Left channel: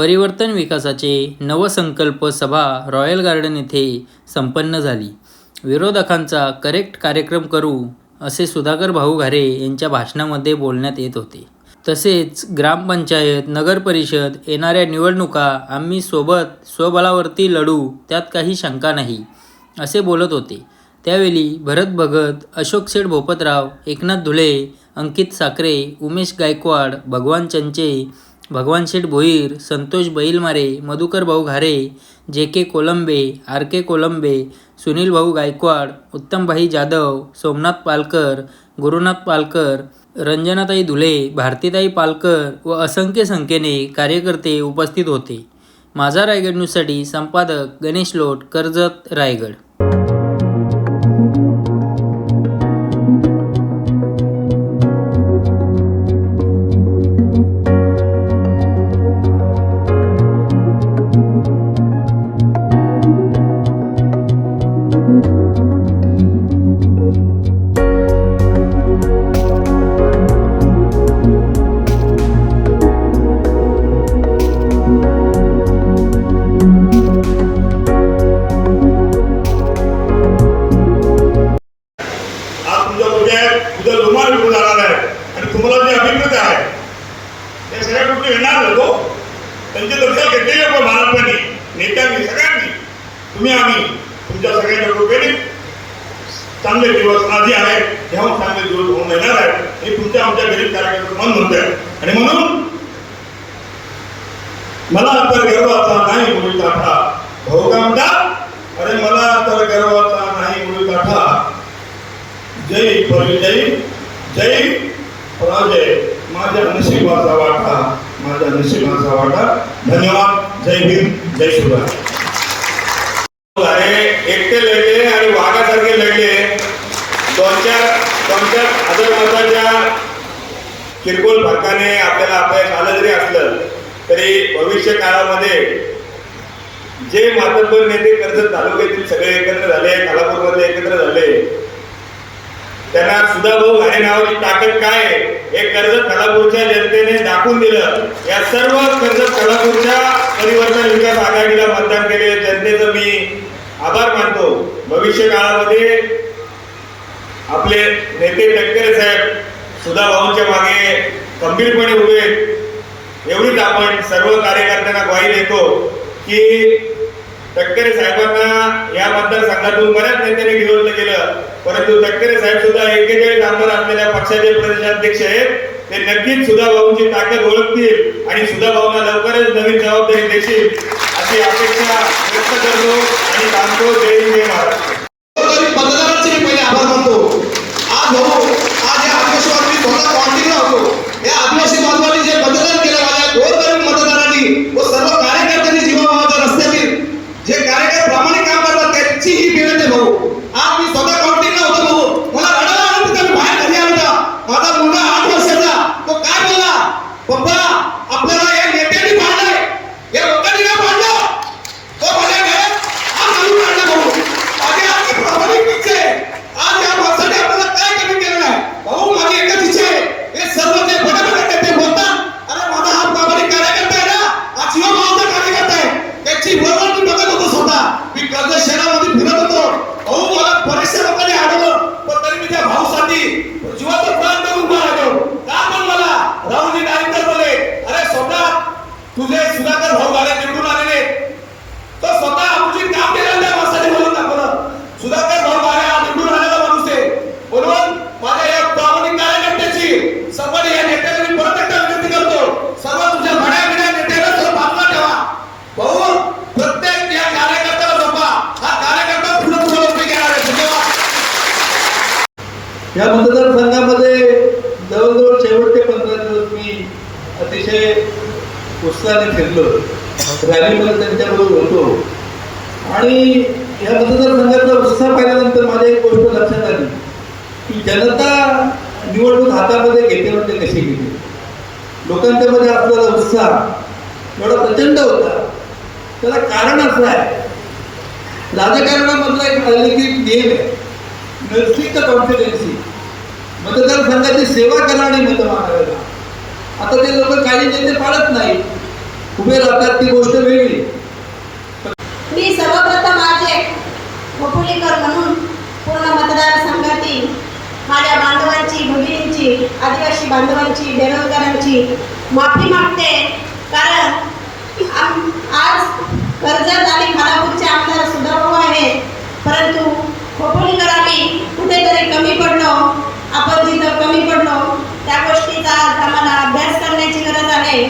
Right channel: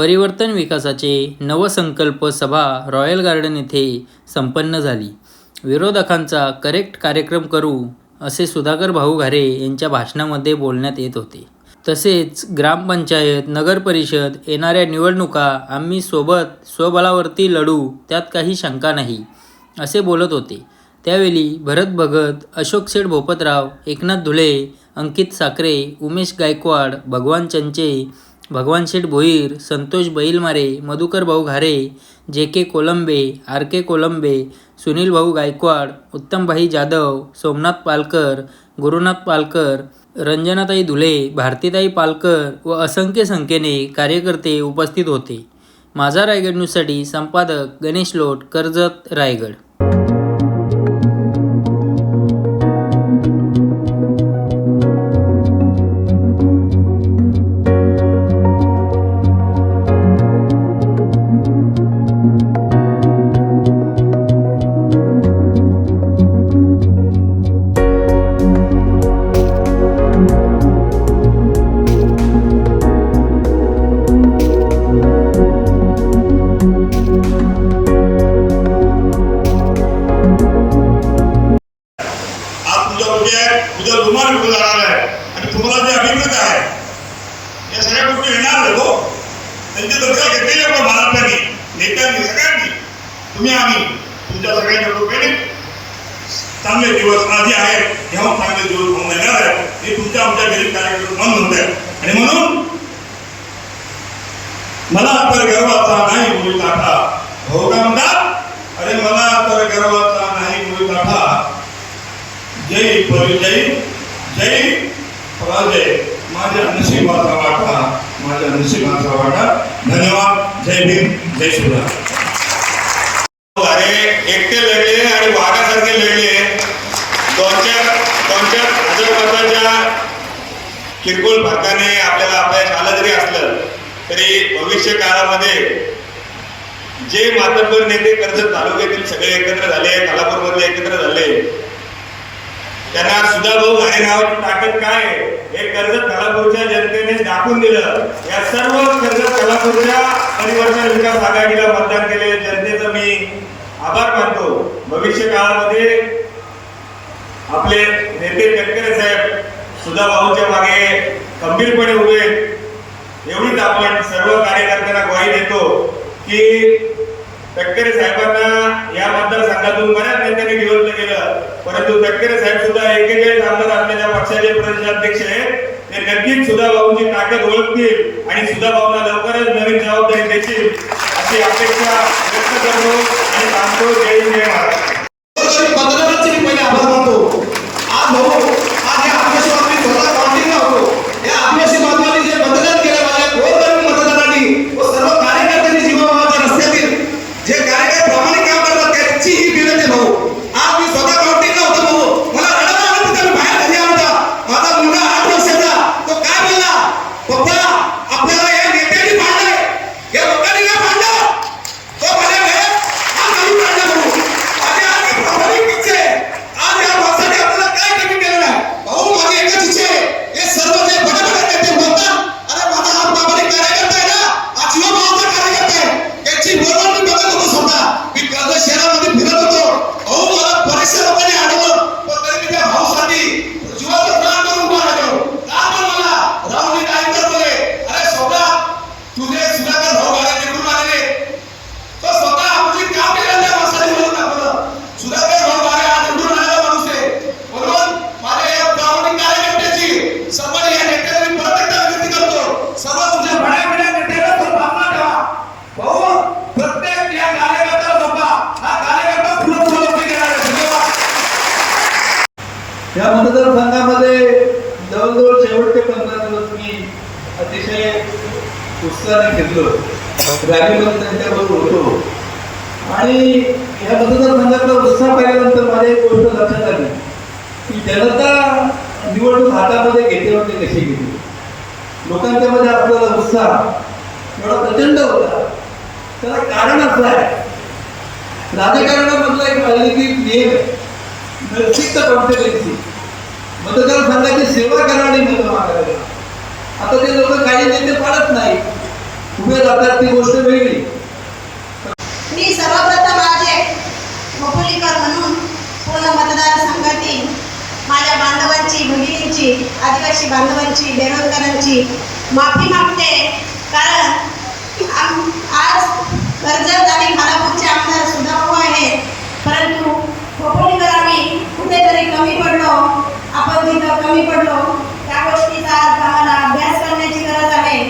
परिवर्तन विकासाचे नवसंकल्प सभा रॉयल गार्डन येथे संपन्न झाली. विरोधकांचा करेक्ट कार्यक्रम करू असे सुधाकर भाऊ घारे यांच्या भाषणामध्ये बोलण्यात येत होते. तसेच ग्रामपंचायत नगरपरिषद येणाऱ्या निवडणुका आम्ही सोबत स्वबळावरती लढू त्यात काही शंका नाही असे बोलत होते. त्यावेळी भरत भगत अशोक शेठ भोपतराव एकनाथ धुळे अंकित साखरे उमेश गायकवाड भगवान चंचे भगवान शेठ भोईर संतोष बैलमारे मधुकर भाऊ घारे जे के कोलंबे आर के कोलंबे सुनील भाऊ गायकवाड उत्तमभाई जाधव सोमनाथ पालकर गुरुनाथ पालकर रंजनाताई धुले भारतीताई पालकर व असंख्य संख्येने कार्यकर्ते उपस्थित होते. माझा रायगड न्यूजसाठी संपादक गणेश लोट कर्जत रायगड. तुम्ही आम्ही तुमच्या सगळ्यांच्या डोक्याने चांगले दिवस आधी आहेत तेव्हा चांगले दिवस होऊन येणार आहे हे तुमच्या आमच्या गरीब कार्यकर्ते मन म्हणतात. आणि म्हणून मला तर गर्वाचा नाही मूळ काठा. भाऊ का म्हणता? अरे मला तर गर्वाचा नाही मूळ काठा. जय परिजय जय पराजय. माझ्या नशिबाचा वाटा माझ्या नशिबाचा वाटा. धन्यवाद. जय भीम जय शिवराय. लढले वाघासारखे लढले दोन चार दोन चार हजार किरकोळ फरकाने आपल्याला अपयश आलं जरी असलं तरी भविष्य काळामध्ये जे मातब्बर नेते कर्जत तालुक्यातील सगळे एकत्र झाले खालापूरमध्ये एकत्र झाले त्यांना सुधाभाऊ आणि नावाची ताकद काय हे कर्जत खालापूरच्या जनतेने दाखवून दिलं. या सर्व कर्जत खालापूरच्या परिवर्तन विकास आघाडीला मतदान केले. जनतेचं मी आभार मानतो. भविष्य काळामध्ये आपले नेते तटकरे साहेब सुधा भाऊंच्या मागे खंबीरपणे उभे एवढीच आपण सर्व कार्यकर्त्यांना ग्वाही देतो की तटकरे साहेबांना या मतदारसंघातून बऱ्याच नेत्यांनी निवडलं गेलं परंतु तटकरे साहेब सुद्धा एकेचाळीस आमदार असलेल्या पक्षाचे प्रदेशाध्यक्ष आहेत. ते नक्कीच सुधा भाऊंची ताकद ओळखतील आणि सुधा सुधाभाऊंना लवकरच नवीन जबाबदारी देतील अशी अपेक्षा व्यक्त करतो आणि सांगतो जय हिंद, जय महाराष्ट्र मतदारांचे मी पहिले आभार मानतो आज बघू आज या आदिवासी बांधवांनी स्वतः काउंटिंग होतो या आदिवासी बांधवांनी जे मतदान केलं माझ्या गोरगरीब मतदारांनी व सर्व कार्यकर्त्यांनी जीवाभावाच्या रस्त्यातील जे कार्यकर्ते प्रामाणिक काम करतात त्यांची ही विनंती भाऊ आज मी स्वतः काउंटिंगला होतो भाऊ मला रडायला आलं होतं मी बाहेर घरी आला होता माझा मुलगा आठ वर्षाचा तो काय केला पप्पा आपल्याला या नेत्यांनी पाडलंय या लोकांनी काय पाडलं तो माझ्या घरात आज आणून काढला भाऊ आज या प्रामाणिक इच्छा आहे. आज या भावासाठी आपल्याला काय कमी केलं नाही भाऊ माझी एकच इच्छा आहे हे सर्व जे बडबड नेते बोलतात अरे माझा हा प्रामाणिक कार्यकर्ता आहे ना हा जीव भावाचा कार्यकर्ता आहे त्याची बरोबर मी बघत होतो स्वतः मी कर्जत शहरामध्ये फिरत होतो भाऊ मला बरेचशा लोकांनी आढळलं पण तरी मी त्या भाऊसाठी जीवाचं प्राण करून उभा राहिलो का पण मला राहुलजी नाईकर बोले अरे स्वतः तुझे सुधाकर भाऊ मला निवडून आलेले तर स्वतः आमची काम केलं त्या माणसाने म्हणून दाखवलं सुधाकर भाऊ मारे आज निवडून आलेला माणूस आहे म्हणून माझ्या या प्रामाणिक कार्यकर्त्याची सर्व या नेत्याला मी परत एकदा विनंती करतो सर्व तुझ्या भड्या भड्या नेत्याला तो भावना ठेवा भाऊ प्रत्येक या कार्यकर्त्याला जपा हा कार्यकर्ता पुढे पुढे उभे गेला आहे धन्यवाद या मतदारसंघामध्ये जवळजवळ शेवटचे पंधरा दिवस मी अतिशय उत्साहाने फिरलो रॅलीमध्ये त्यांच्याबरोबर होतो. आणि या मतदारसंघाचा उत्साह पाहिल्यानंतर मला एक गोष्ट लक्षात आली. की जनता निवडणूक हातामध्ये घेते म्हणजे होते कशी घेते? लोकांच्या मध्ये असलेला उत्साह एवढा प्रचंड होता. त्याला कारण असं आहे. राजकारणामधला एक राजकीय नियम आहे नैतिक कॉन्फिडन्सी. लोकांची सेवा करा आणि मत आता ते लोक काही नेते पाळत नाही. उभे राहतात ती गोष्ट वेगळी. मी सर्वप्रथम आज एक खोपोलीकर म्हणून पूर्ण मतदारसंघातील माझ्या बांधवांची भगिनींची आदिवासी बांधवांची बेरोजगारांची माफी मागते कारण आम- आज कर्जत आणि खालापूरचे आमदार सुधारू आहेत परंतु खोपोलीकर आम्ही कुठेतरी कमी पडलो आपण जिथं कमी पडलो त्या गोष्टीचा आज आम्हाला अभ्यास करण्याची गरज आहे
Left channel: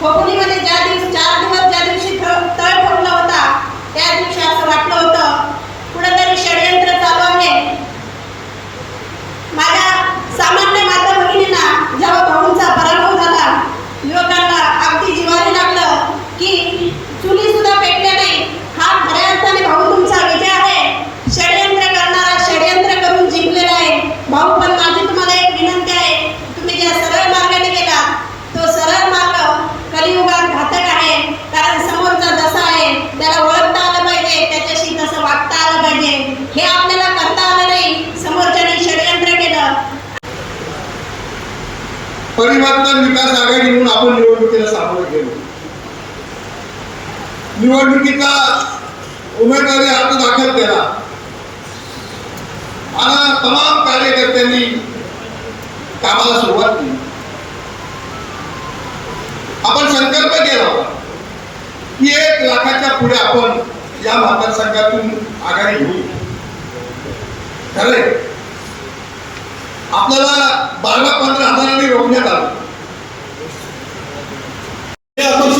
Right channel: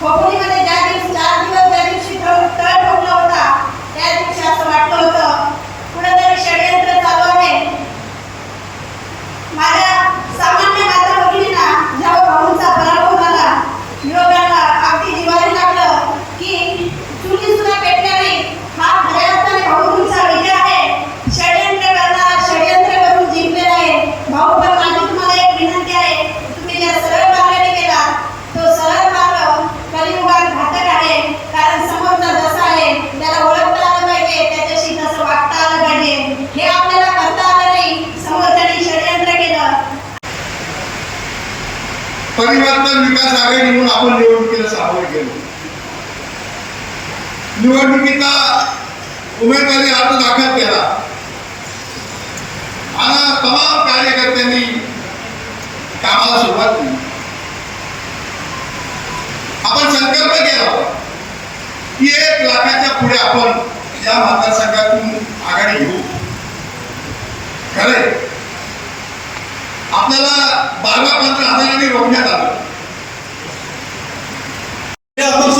खोपोलीमध्ये ज्या दिवस चार दिवस ज्या दिवशी तळ तळ पडला होता त्या दिवशी असं वाटलं होतं कुठेतरी षडयंत्र चालू आहे माझ्या सामान्य माता भगिनींना जेव्हा भाऊंचा पराभव झाला विरोधाला अगदी जिवारी लागलं की चुली सुद्धा पेटल्या नाही हा खऱ्या अर्थाने भाऊ तुमचा विजय आहे षडयंत्र करणारा षडयंत्र करून जिंकलेला आहे भाऊ पण माझी तुम्हाला एक विनंती आहे तुम्ही ज्या सरळ मार्गाने गेला तो सरळ मार्ग कलियुगात घातक आहे कारण समोरचा जसा आहे त्याला ओळखता आलं पाहिजे त्याच्याशी तसं वागता आलं पाहिजे हे आपल्याला करता आलं नाही समोरच्याने षडयंत्र केलं परिवर्तन म्हणून आपण निवडणुकीला सामोरे गेलो. निवडणुकीचा उमेदवारी अर्ज दाखल केला. आणि तमाम कार्यकर्त्यांनी कामाला सुरुवात केली. आपण संकल्प केला की एक लाखाच्या पुढे आपण या मतदारसंघातून आघाडी घेऊ. खरे आपल्याला बारा पंधरा हजारांनी रोखण्यात आलं. हे आपण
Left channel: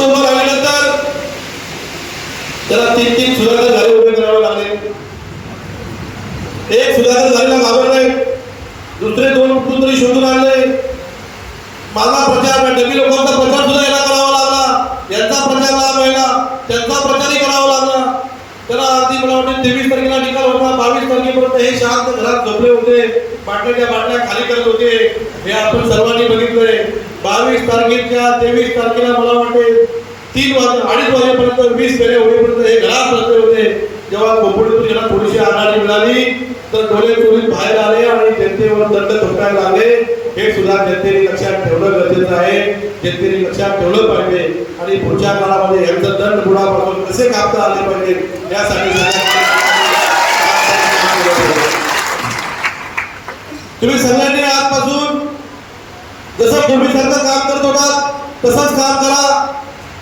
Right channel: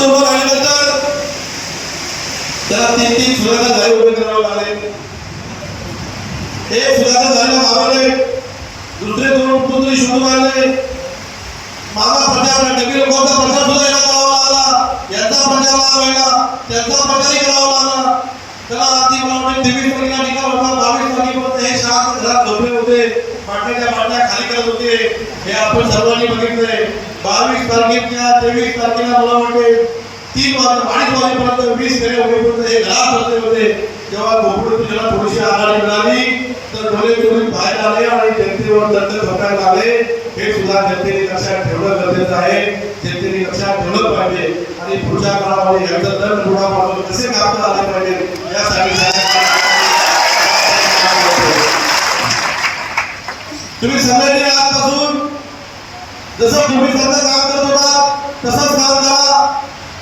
त्याला तीन तीन सुधारणा झाले उभे करावे लागले. एक सुधारणा झालेला घाबरले दुसरे दोन कुठून शोधून आले मला प्रचार लोकांचा प्रचार सुद्धा करावा लागला. प्रचार त्यांचा प्रचारही करावा लागला. त्याला आधी मला तेवीस तारखेला निकाल होता बावीस तारखेपर्यंत हे शांत घरात झोपले होते. बाटल्याच्या बाटल्या खाली करत होते हे आपण सर्वांनी बघितले बावीस तारखेच्या तेवीस तारखेला मला वाटते तीन वाजता अडीच वाजेपर्यंत वीस फेरे होईपर्यंत हे घरात बसले होते. जेव्हा कोकणातून थोडीशी आघाडी मिळाली तर डोळे चोरून बाहेर आले आणि जनतेवर दंड ठोकायला लागले. हे सुद्धा जनतेने लक्षात ठेवणं गरजेचं आहे. जनतेने लक्षात ठेवलं पाहिजे. आणि पुढच्या काळामध्ये यांचा दंड बुडापासून कसे कापता आले पाहिजे यासाठी तुम्ही सल्ला आजपासून जसं पूर्वीसारखं काम करत होता तसंच काम करा.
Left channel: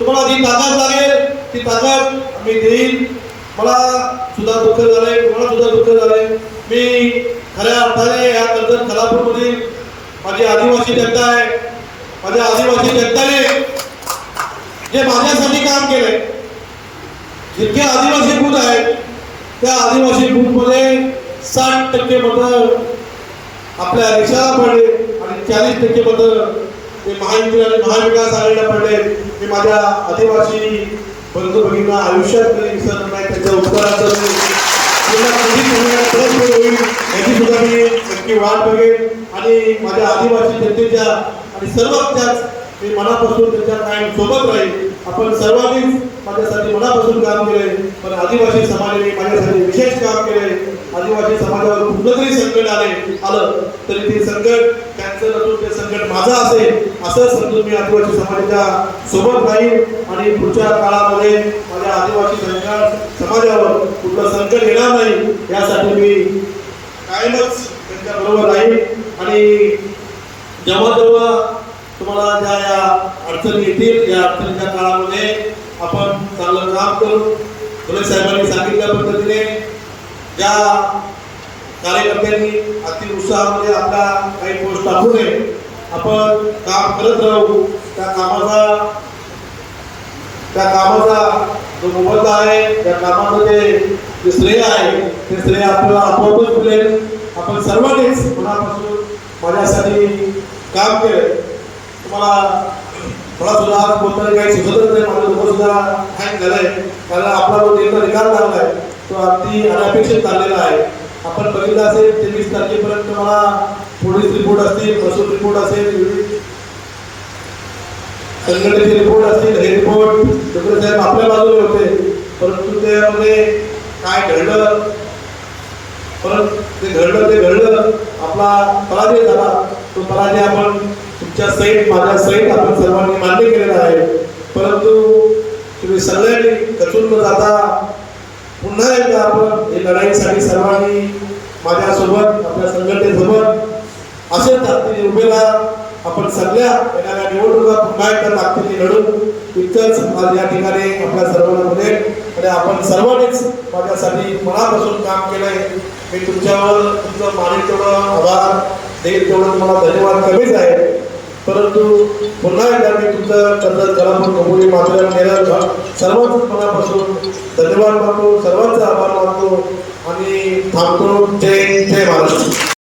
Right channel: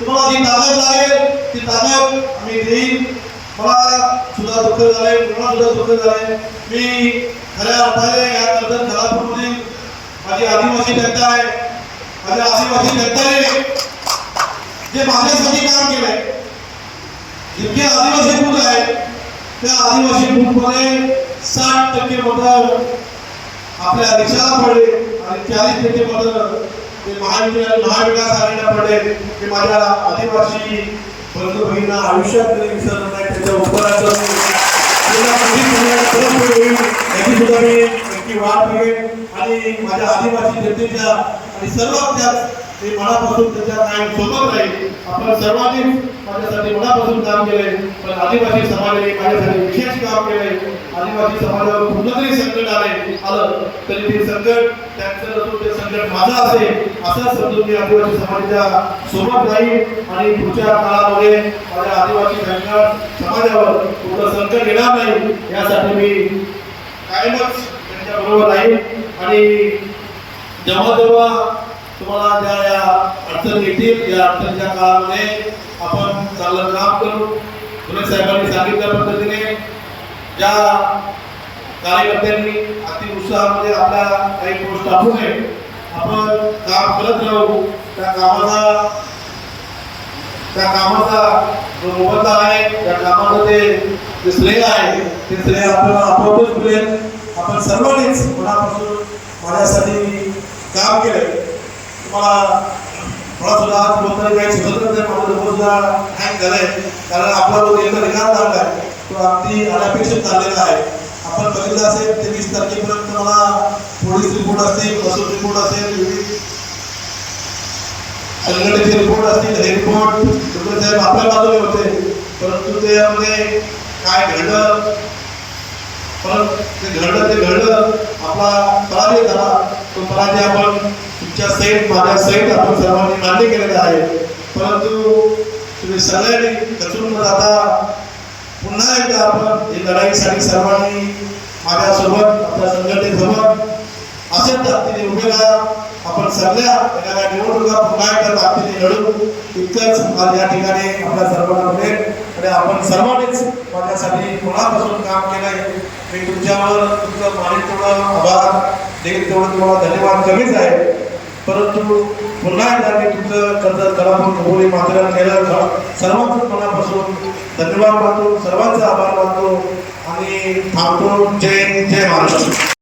तुम्हाला जी ताकद लागेल ती ताकद मी देईन. मला सुद्धा दुःख झालंय मला सुद्धा दुःख झालंय. मी खऱ्या अर्थाने या कर्जत खरापूरमधील माझी आदिवासी जनता आहे. माझ्या आदिवासी जनतेने जे माझ्यासाठी काम केलंय जितके आदिवासी बूथ आहेत त्या आदिवासी बूथमध्ये साठ टक्के मतदार आपल्या देशाला पडले. चाळीस टक्के मतं ते महाविद्यालय महाविकास आघाडीला पडले हे माझ्या आदिवासी बंधू भगिनींना आयुष्यात कधी त्याच्या उत्तराचं याची सुद्धा मी नक्की वाट बघेन. आणि माझ्या आदिवासी जनतेच्या आणि सर्वांच्या मी मनापासून त्याच्या कायम सोबत राहील आपण सर्वांनी माझ्यासाठी मनापासून काम केले पण आदिवासी समाजाने माझ्यासाठी विशेष काम केले आदिवासी समाजावर कुठलं तरी संकट आले आलं तरी ते संकट त्यांचं नसून ते संकट माझं असेल असं समजून मी आदिवासी समाजाच्या सोबत राहील आणि पुढच्या काळामध्ये माझ्या आदिवासी समाजावर कुठलं संकट येणार नाही यासाठी मी कायमच त्यांच्याबरोबर राहील आणि जेव्हा जेव्हा तुम्हाला त्या अडचण येतील या अडचणीच्या काळामध्ये आपण चांगलं काम करू. धुळे साहेबांनी सांगितल्या पद्धतीने ज्या कार्यकर्त्यांनी अति उत्साहामध्ये आपल्या काही गोष्ट टाकू नये आपण काम करत राहू. त्या कामाला त्या कामाचा जो मोबदला आहे त्या कामामध्ये जे श्रेय आहे ते श्रेय आपल्याला आपोआपच मिळेल. आपण सर्वांनीच मनापासून माझ्यासाठी काम केलं. तुम्हाला मला सुद्धा काही नाही सुद्धा हँग झालंय कारण आपला एकदा तो अगदी अनपेक्षित चाललेला आहे. आपण बघितलं असेल तेवीस तारखेपर्यंत मला पोलीस रिपोर्ट असतील महसूल रिपोर्ट असेल संघटनेचे रिपोर्ट असतील हे रिपोर्ट डॉक्टर साहेब आपल्या होते. परंतु त्यामध्ये काय घडलं? परत ते घडलं ते घडलं. आपला पराजय झाला. तो पराजय आपण तुमच्या सहित माझ्या सहित आपण सर्वांनी मान्य केलेलं आहे. परंतु तुम्ही सगळ्यांनी कचून जाता पुन्हा एकदा आपण ही लढाईसाठी सर्वांनी माझ्यासोबत आपल्या संघटनेसोबत असंच ताकदीने उभे राहा आपण सगळ्या येणाऱ्या निवडणुका पुन्हा एकदा ताकदीने लढू. इतकंच आज या ठिकाणी आपल्या सर्वांना मिळेल आणि आपण सर्वांनीच माझ्यासाठी मनापासून काम केलंय मी तुमच्यावर तुमचं मानिक तेवढं आभार देईल तेवढं तुम्हाला धन्यवाद कमीच आहे. परंतु पुन्हा एकदा मी तुमचं कर्ज कलापूर नभोरी मात्र केलं सर्वांच मनापासून धन्यवाद मानतो सर्वांचा आभार मानतो आणि थांबतो. जय जय महाराष्ट्र.